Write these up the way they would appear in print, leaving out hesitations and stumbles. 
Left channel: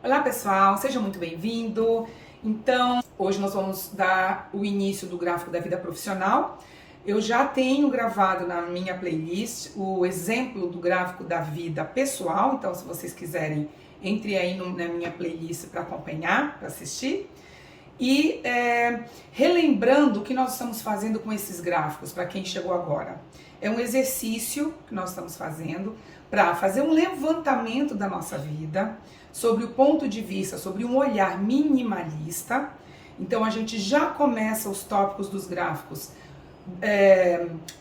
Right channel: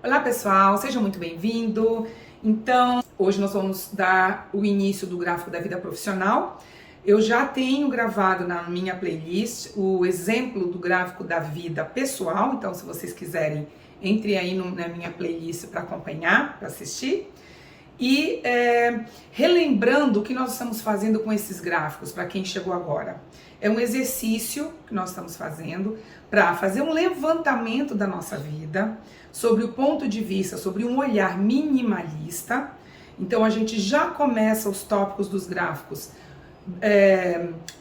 Olá pessoal, seja muito bem-vindo. Então, hoje nós vamos dar o início do gráfico da vida profissional. Eu já tenho gravado na minha playlist o exemplo do gráfico da vida pessoal, então se vocês quiserem, entre aí na minha playlist para acompanhar, para assistir. E relembrando o que nós estamos fazendo com esses gráficos, para quem chegou agora. É um exercício que nós estamos fazendo para fazer um levantamento da nossa vida, sobre o ponto de vista, sobre um olhar minimalista. Então a gente já começa os tópicos dos gráficos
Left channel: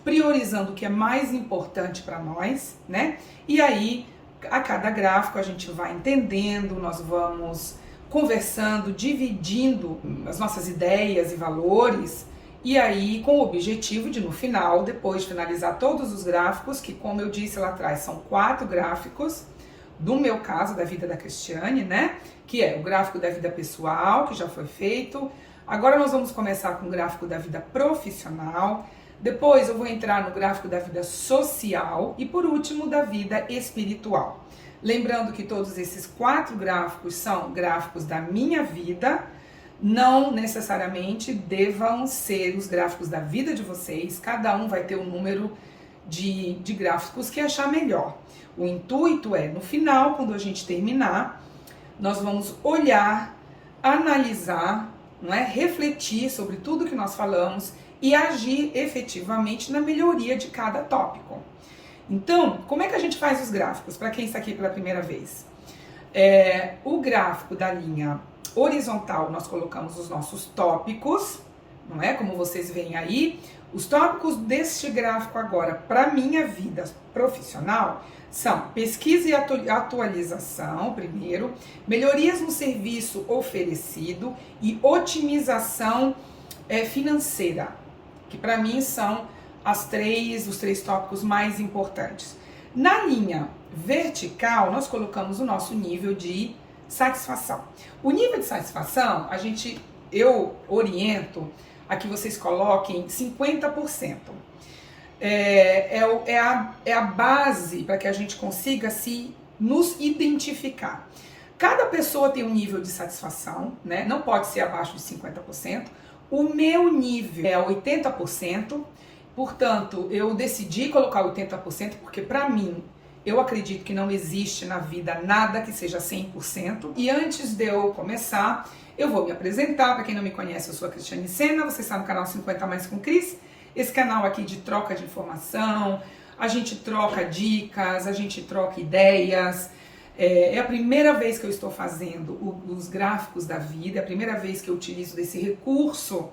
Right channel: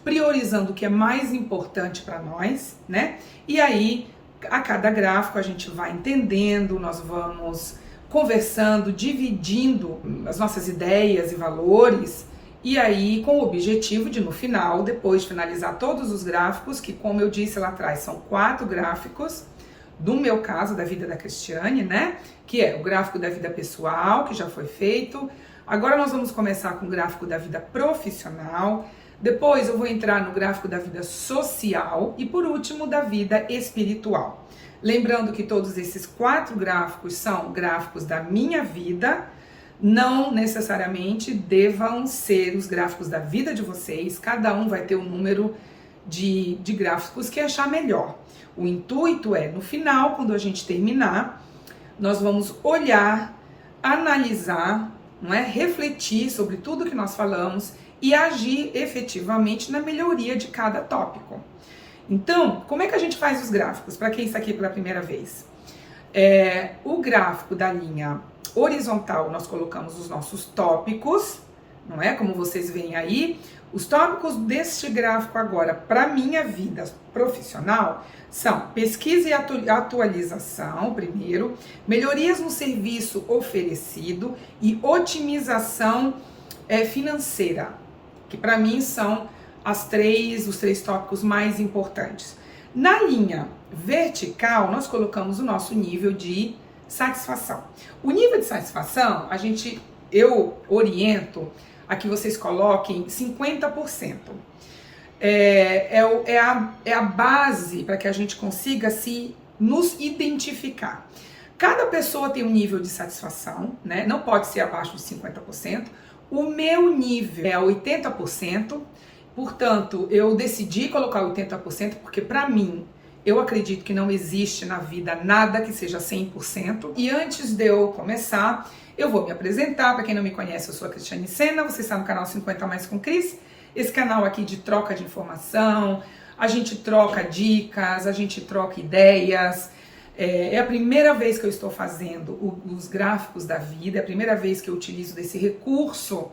priorizando o que é mais importante para nós, né? E aí, a cada gráfico a gente vai entendendo, nós vamos conversando, dividindo as nossas ideias e valores, e aí com o objetivo de no final, depois de finalizar todos os gráficos, que como eu disse lá atrás, são 4 gráficos, do meu caso, da vida da Cristiane, né? Que é o gráfico da vida pessoal, que já foi feito. Agora nós vamos começar com o gráfico da vida profissional. Depois eu vou entrar no gráfico da vida social e por último da vida espiritual. Lembrando que todos esses 4 gráficos são gráficos da minha vida, não necessariamente devam ser os gráficos da vida de vocês, cada um vai ter um número de gráficos que achar melhor. O intuito é, no final, quando a gente terminar, nós vamos olhar, analisar, não é? Refletir sobre tudo que nós falamos e agir efetivamente na melhoria de cada tópico. Então, como é que a gente faz os gráficos? Para quem está aqui pela primeira vez. O gráfico da linha horizontal, nós colocamos os nossos tópicos, não é? Como vocês veem aí, os tópicos deste gráfico agora, para minha vida profissional, são pesquisa e atualização, primeiro, melhorias no serviço oferecido e otimização financeira, que para mim são os 3 tópicos mais importantes. Na linha vertical, nós colocamos o nosso nível de satisfação. O nível de satisfação, eu oriento a que vocês coloquem 50%. É a base para que a gente consiga nos identificar. Cada pessoa tem um nível de satisfação, né? Não pode ser abaixo de 50%. O meu nível é 80%, portanto, eu decidi colocar 80% porque para mim, eu acredito que não existe na vida nada que seja 100%. E antes de eu começar, eu vou me apresentar. Para quem não me conhece, eu sou a Cristiane Sena, você está no canal 50 Mais com Cris. Esse canal aqui de troca de informação, a gente troca dicas, a gente troca ideias. É a primeira vez que eu estou fazendo os gráficos da vida, é a primeira vez que eu utilizo desse recurso,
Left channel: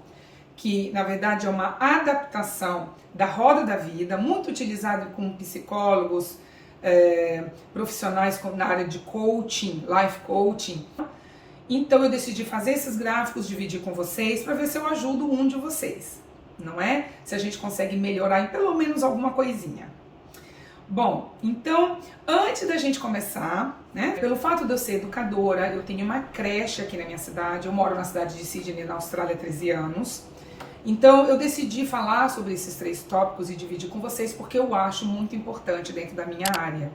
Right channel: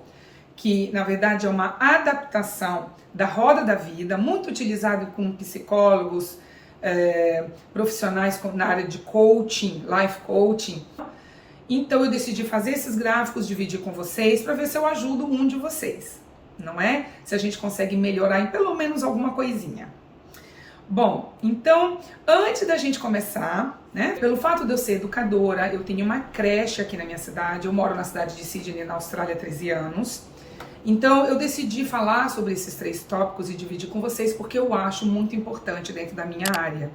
que na verdade é uma adaptação da roda da vida, muito utilizado com psicólogos, profissionais na área de coaching, life coaching. Então eu decidi fazer esses gráficos, dividir com vocês, para ver se eu ajudo um de vocês, não é? Se a gente consegue melhorar em pelo menos alguma coisinha. Bom, então, antes da gente começar, né, pelo fato de eu ser educadora, eu tenho uma creche aqui na minha cidade, eu moro na cidade de Sydney, na Austrália, há 13 anos. Então, eu decidi falar sobre esses 3 tópicos e dividir com vocês porque eu acho muito importante dentro da minha área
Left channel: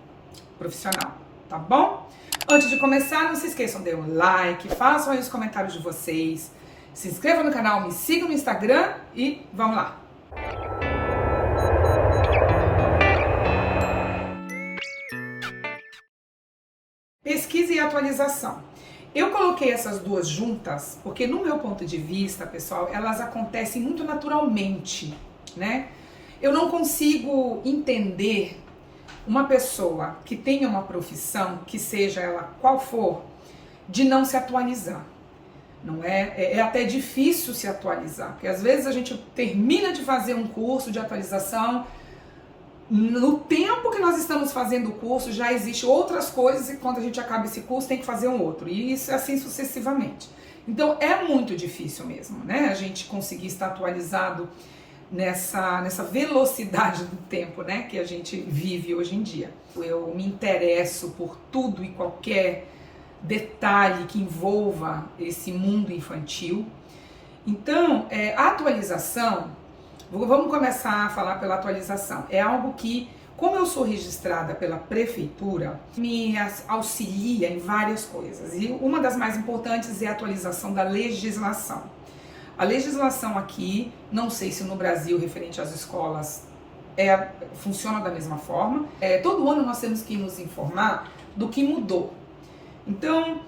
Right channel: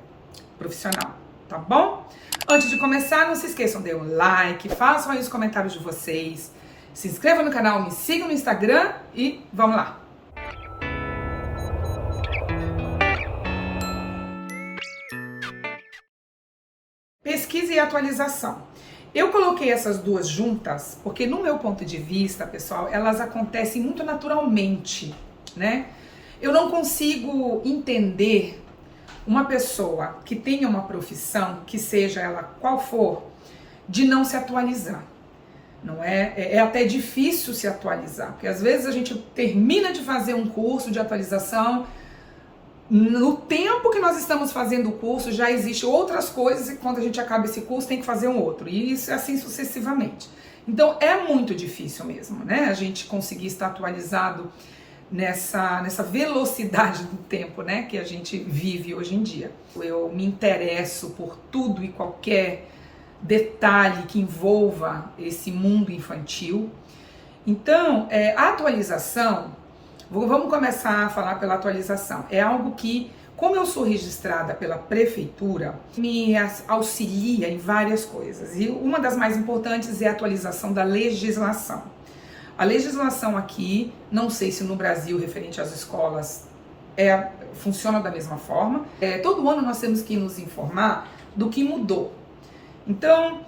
profissional, tá bom? Antes de começar, não se esqueçam de um like, façam aí os comentários de vocês, se inscrevam no canal, me sigam no Instagram e vamos lá! Pesquisa e atualização. Eu coloquei essas 2 juntas porque, no meu ponto de vista, pessoal, elas acontecem muito naturalmente, né? Eu não consigo entender uma pessoa que tenha uma profissão, que seja ela qual for, de não se atualizar. Não é? É até difícil se atualizar, porque às vezes a gente termina de fazer um curso de atualização, no tempo que nós estamos fazendo o curso já existe outras coisas e quando a gente acaba esse curso tem que fazer um outro, e isso assim sucessivamente. Então é muito difícil mesmo, né? A gente conseguir estar atualizado nessa velocidade do tempo, né, que a gente vive hoje em dia. Eu me interesso por tudo e qualquer detalhe que envolva esse mundo infantil. Então, a atualização, vamos começar a falar pela atualização. É algo que como eu sou registrada pela prefeitura, me auxilia em várias coisas. E uma das mais importantes é a atualização da legislação. A legislação aqui, não sei se no Brasil, referente às escolas, funciona da mesma forma. Todo ano nós temos que nos informar do que mudou. Então,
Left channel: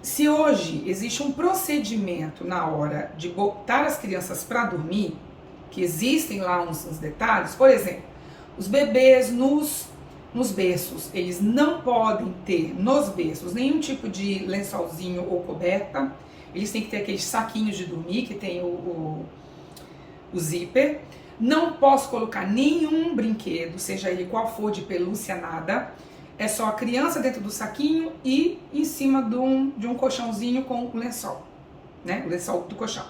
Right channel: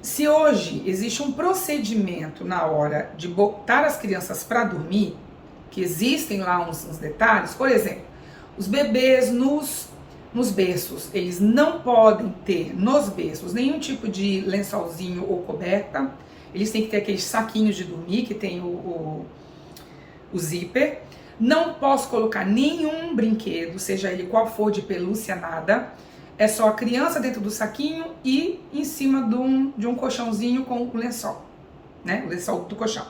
se hoje existe um procedimento na hora de botar as crianças para dormir, que existem lá uns detalhes, por exemplo, os bebês nos berços, eles não podem ter nos berços nenhum tipo de lençolzinho ou coberta, eles têm que ter aqueles saquinhos de dormir que tem o zíper. Não posso colocar nenhum brinquedo, seja ele qual for, de pelúcia, nada. É só a criança dentro do saquinho e em cima de um colchãozinho com o lençol, né? O lençol do colchão.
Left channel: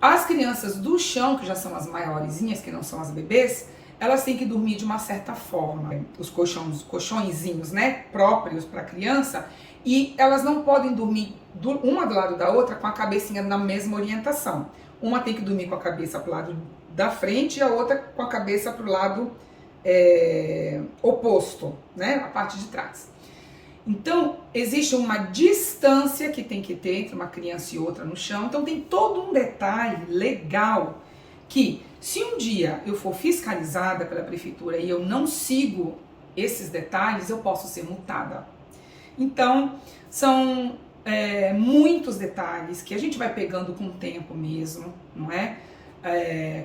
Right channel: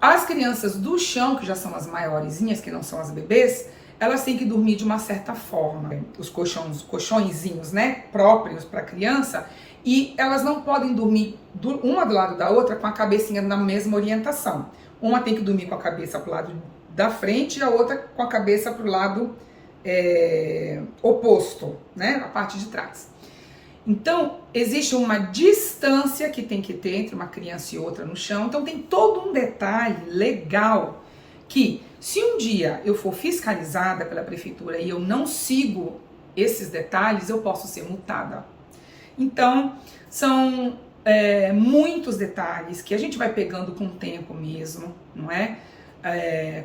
As crianças do chão, que já são as maiorzinhas, que não são as bebês, elas têm que dormir de uma certa forma. Os colchõezinhos, né, próprios para criança, e elas não podem dormir uma do lado da outra com a cabecinha na mesma orientação. Uma tem que dormir com a cabeça para o lado da frente e a outra com a cabeça para o lado oposto, né, a parte de trás. Então, existe uma distância que tem que ter entre uma criança e outra no chão. Então, tem todo um detalhe legal que, se um dia eu for fiscalizada pela prefeitura e eu não sigo esses detalhes, eu posso ser multada. Então, são muitos detalhes que a gente vai pegando com o tempo mesmo, não é?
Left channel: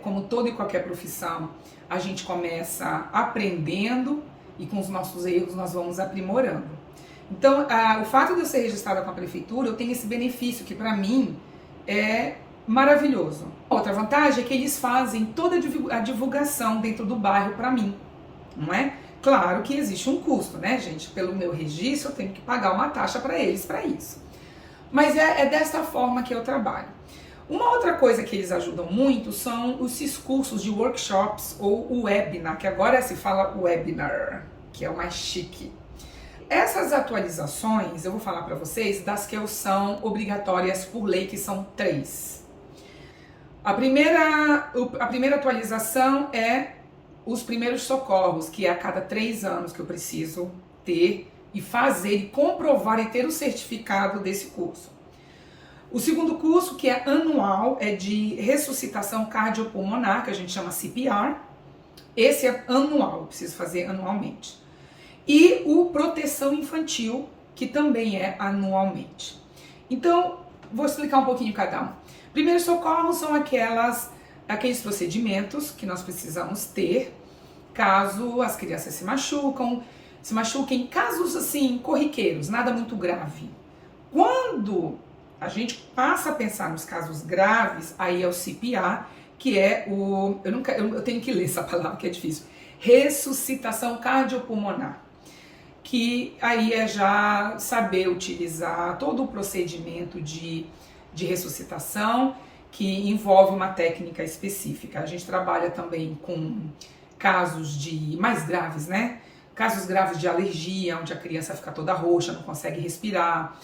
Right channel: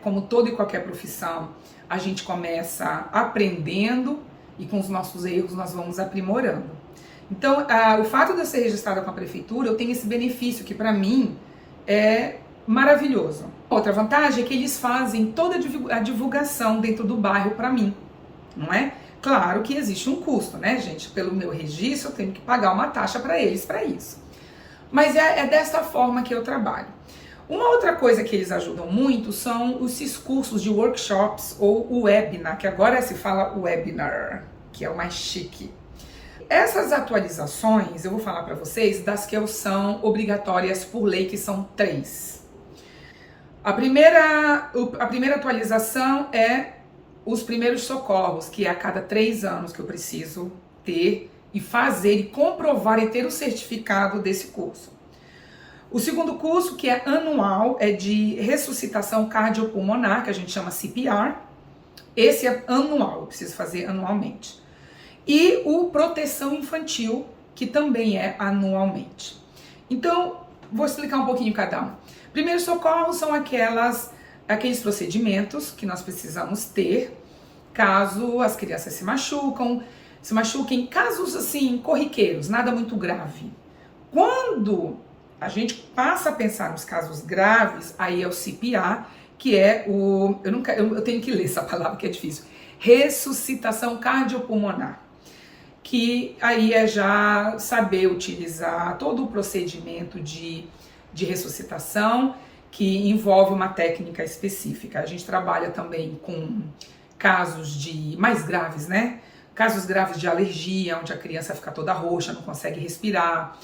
Como toda e qualquer profissão, a gente começa aprendendo e com os nossos erros nós vamos aprimorando. Então, o fato de eu ser registrada com a prefeitura, eu tenho esse benefício que para mim é maravilhoso. Outra vantagem é que eles fazem toda a divulgação dentro do bairro para mim, não é? Claro que existe um custo, né, gente? Pelo meu registro, eu tenho que pagar uma taxa para eles para isso. Mas é dessa forma que eu trabalho. Uma outra coisa que eles ajudam muito são esses cursos de workshops ou o webinar, que agora se fala webinar, que é o mais chique. Essas atualizações, eu vou falar para vocês das que são obrigatórias por lei, que são 3. A primeira atualização é os primeiros socorros, que é a cada 3 anos que eu preciso ter e fazer e comprovar e ter o certificado desse curso. O segundo curso, que é anual, é de ressuscitação cardiopulmonar, que a gente chama CPR. Esse é anual, eu preciso fazer anualmente. E o proteção infantil, que também é anualmente. Então, vou explicar um pouquinho cada um. Primeiros socorros são aqueles procedimentos que nós precisamos ter caso as crianças se machuquem, casos assim, corriqueiros, nada muito grave. Quando a gente passa a pensar nos casos graves, aí é o CPR, que é eu tenho que ler essa palavra que é difícil, ressuscitação cardiopulmonar, que aí é já saber utilizar todo o procedimento de ressuscitação, que envolve uma técnica específica. A gente trabalha também com casos mais graves, né? Casos graves de alergia, onde a criança fica toda roxa, não consegue respirar.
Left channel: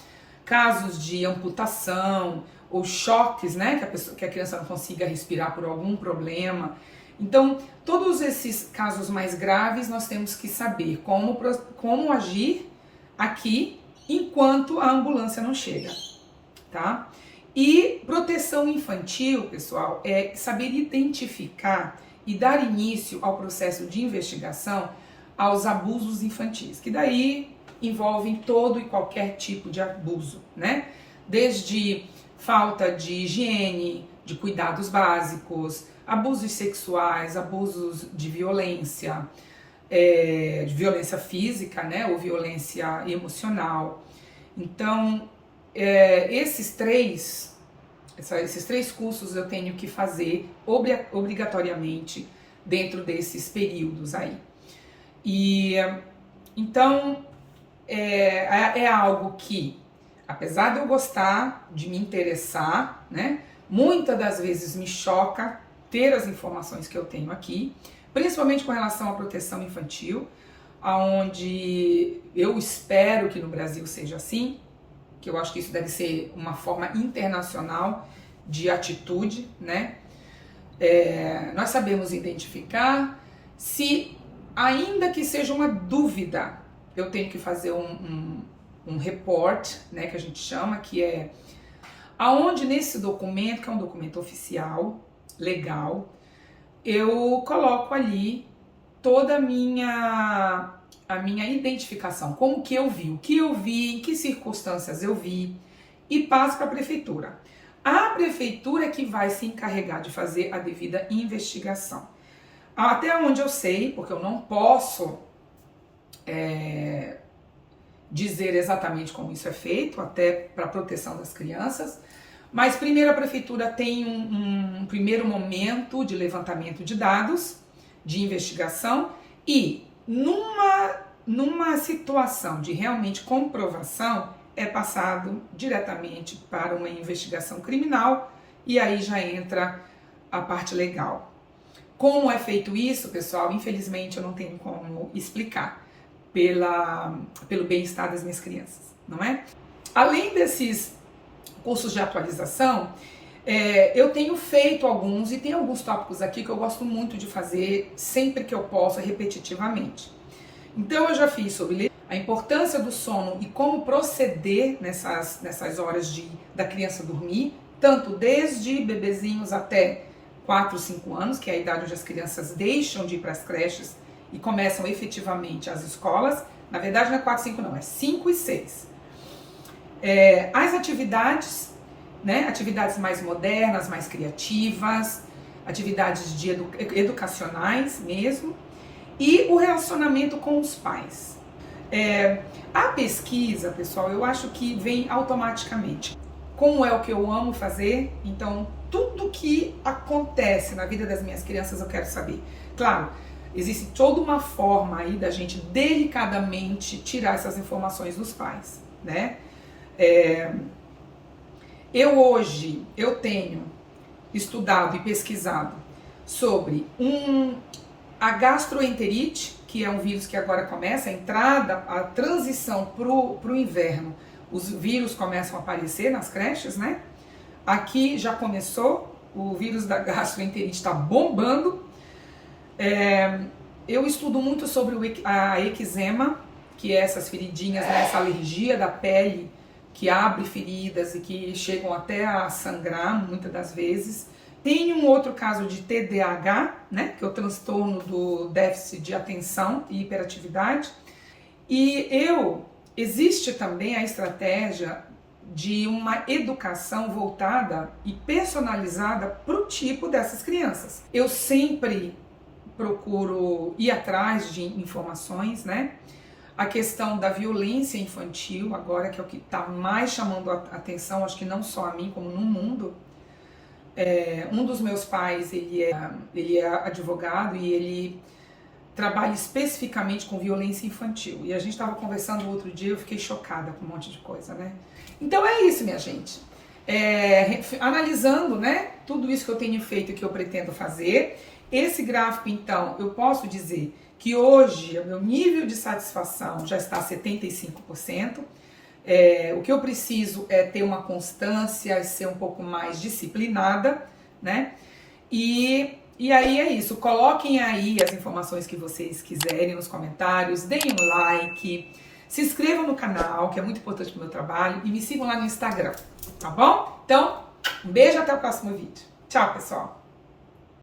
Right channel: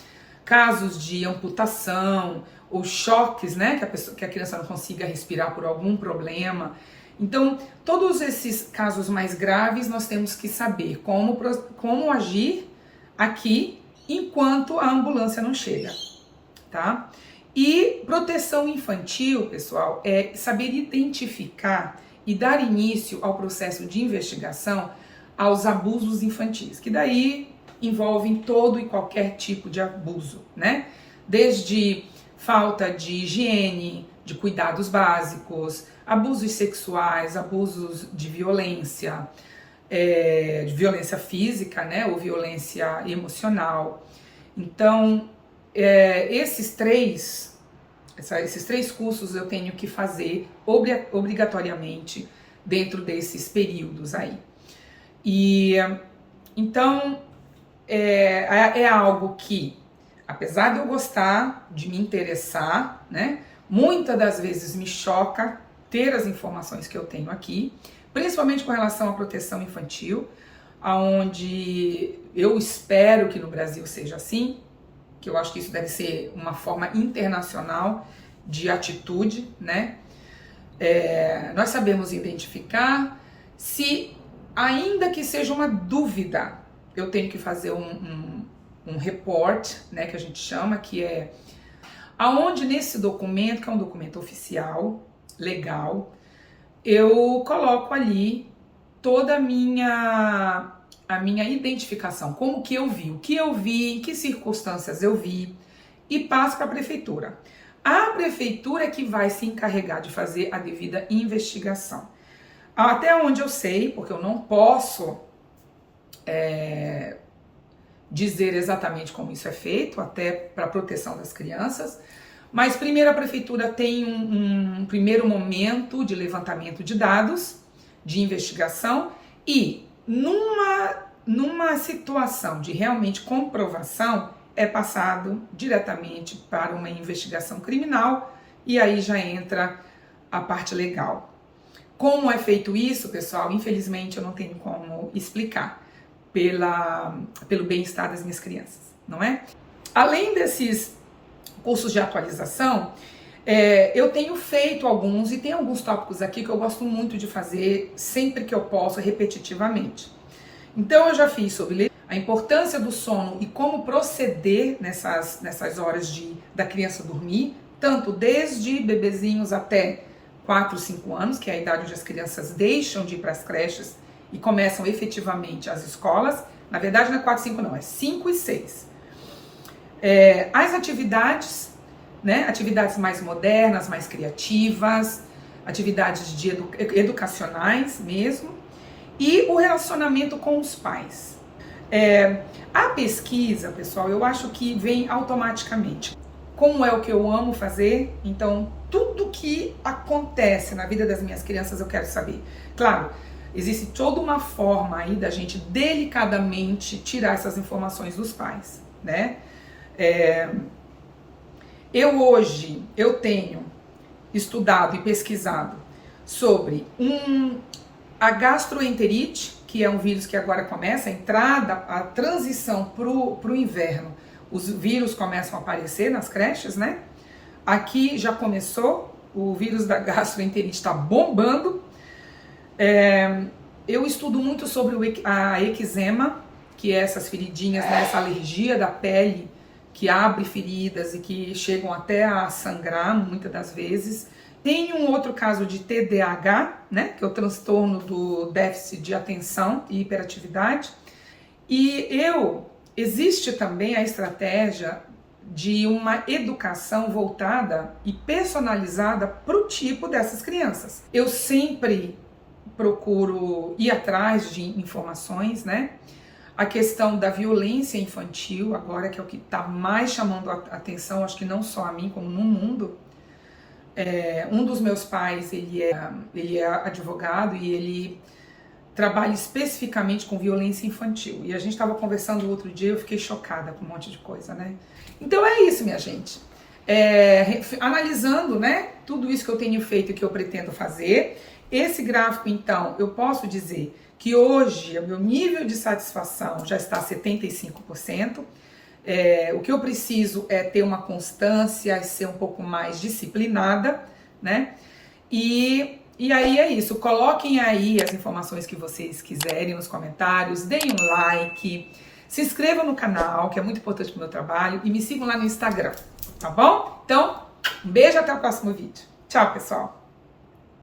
Casos de amputação ou choques, né? Que a criança não consiga respirar por algum problema. Então, todos esses casos mais graves, nós temos que saber como agir aqui enquanto a ambulância não chega, tá? E proteção infantil, pessoal, é saber identificar e dar início ao processo de investigação aos abusos infantis, que daí envolvem todo e qualquer tipo de abuso, né? Desde falta de higiene, de cuidados básicos, abusos sexuais, abusos de violência física, né, ou violência emocional. Então, esses três cursos eu tenho que fazer obrigatoriamente dentro desses períodos aí. E então é algo que, apesar de eu gostar, de me interessar, né, muitas das vezes me choca ter as informações que eu tenho aqui, principalmente com relação à proteção infantil, onde eu espero que no Brasil seja assim, que eu acho que isso deve ser uma forma internacional de atitude, né? Nós sabemos identificar, se ainda que seja uma dúvida, eu tenho que fazer um report, né, que a gente chama, que é aonde nesse documento, que é um documento oficial, legal, eu coloco ali toda a minha identificação, como que eu vi, o que eu vi, em que circunstâncias eu vi, e passo para a prefeitura. A prefeitura é que vai se encarregar de fazer a devida investigação. Até onde eu sei, porque eu não posso dizer exatamente como isso é feito, até para a proteção das crianças, mas primeiro a prefeitura tem um primeiro momento de levantamento de dados, de investigação, e numa situação de realmente comprovação, é passado diretamente para uma investigação criminal, e aí já entra a parte legal. Como é feito isso, pessoal? Infelizmente eu não tenho como explicar pelo bem-estar das minhas crianças, não é? Além desses cursos de atualização, eu tenho feito alguns, e tem alguns tópicos aqui que eu gosto muito de fazer sempre que eu posso, repetitivamente. Então eu já fiz sobre a importância do sono e como proceder nessas horas da criança dormir, tanto desde bebezinhos até 4, 5 anos, que é a idade onde as crianças deixam de ir para as creches e começam efetivamente as escolas. Na verdade não é 4, 5 não, é 5 e 6. As atividades, né, atividades mais modernas, mais criativas, atividades educacionais mesmo, e o relacionamento com os pais. A pesquisa, pessoal, eu acho que vem automaticamente. Como é o que eu amo fazer, então tudo que acontece na vida das minhas crianças eu quero saber. Claro, existe toda uma forma aí da gente delicadamente tirar essas informações dos pais, né? Eu tenho estudado e pesquisado sobre a gastroenterite, que é um vírus que agora começa a transição para o inverno. Os vírus começam a aparecer nas creches, né? Aqui já começou, o vírus da gastroenterite está bombando. Eu estudo muito sobre a eczema, que é essas feridinhas, né? Essa alergia da pele que abre feridas e que chegam até a sangrar muitas das vezes. Tem um outro caso de TDAH, né, que é o transtorno do déficit de atenção e hiperatividade. E existe também a estratégia de uma educação voltada e personalizada para o tipo dessas crianças. Eu sempre procuro ir atrás de informações, né? A questão da violência infantil, agora que é o que está mais chamando a atenção, acho que não só a mim, como no mundo. Um dos meus pais, ele é advogado e ele trabalha especificamente com violência infantil. E a gente estava conversando o outro dia, eu fiquei chocada com um monte de coisa, né? Então é isso, minha gente. Analisando, né, tudo isso que eu tenho feito e que eu pretendo fazer, esse gráfico, então, eu posso dizer que hoje o meu nível de satisfação já está a 75%. O que eu preciso é ter uma constância e ser um pouco mais disciplinada, né? E aí é isso. Coloquem aí as informações que vocês quiserem nos comentários, deem um like, se inscrevam no canal, que é muito importante para o meu trabalho, e me sigam lá no Instagram, tá bom? Então, um beijo, até o próximo vídeo. Tchau, pessoal!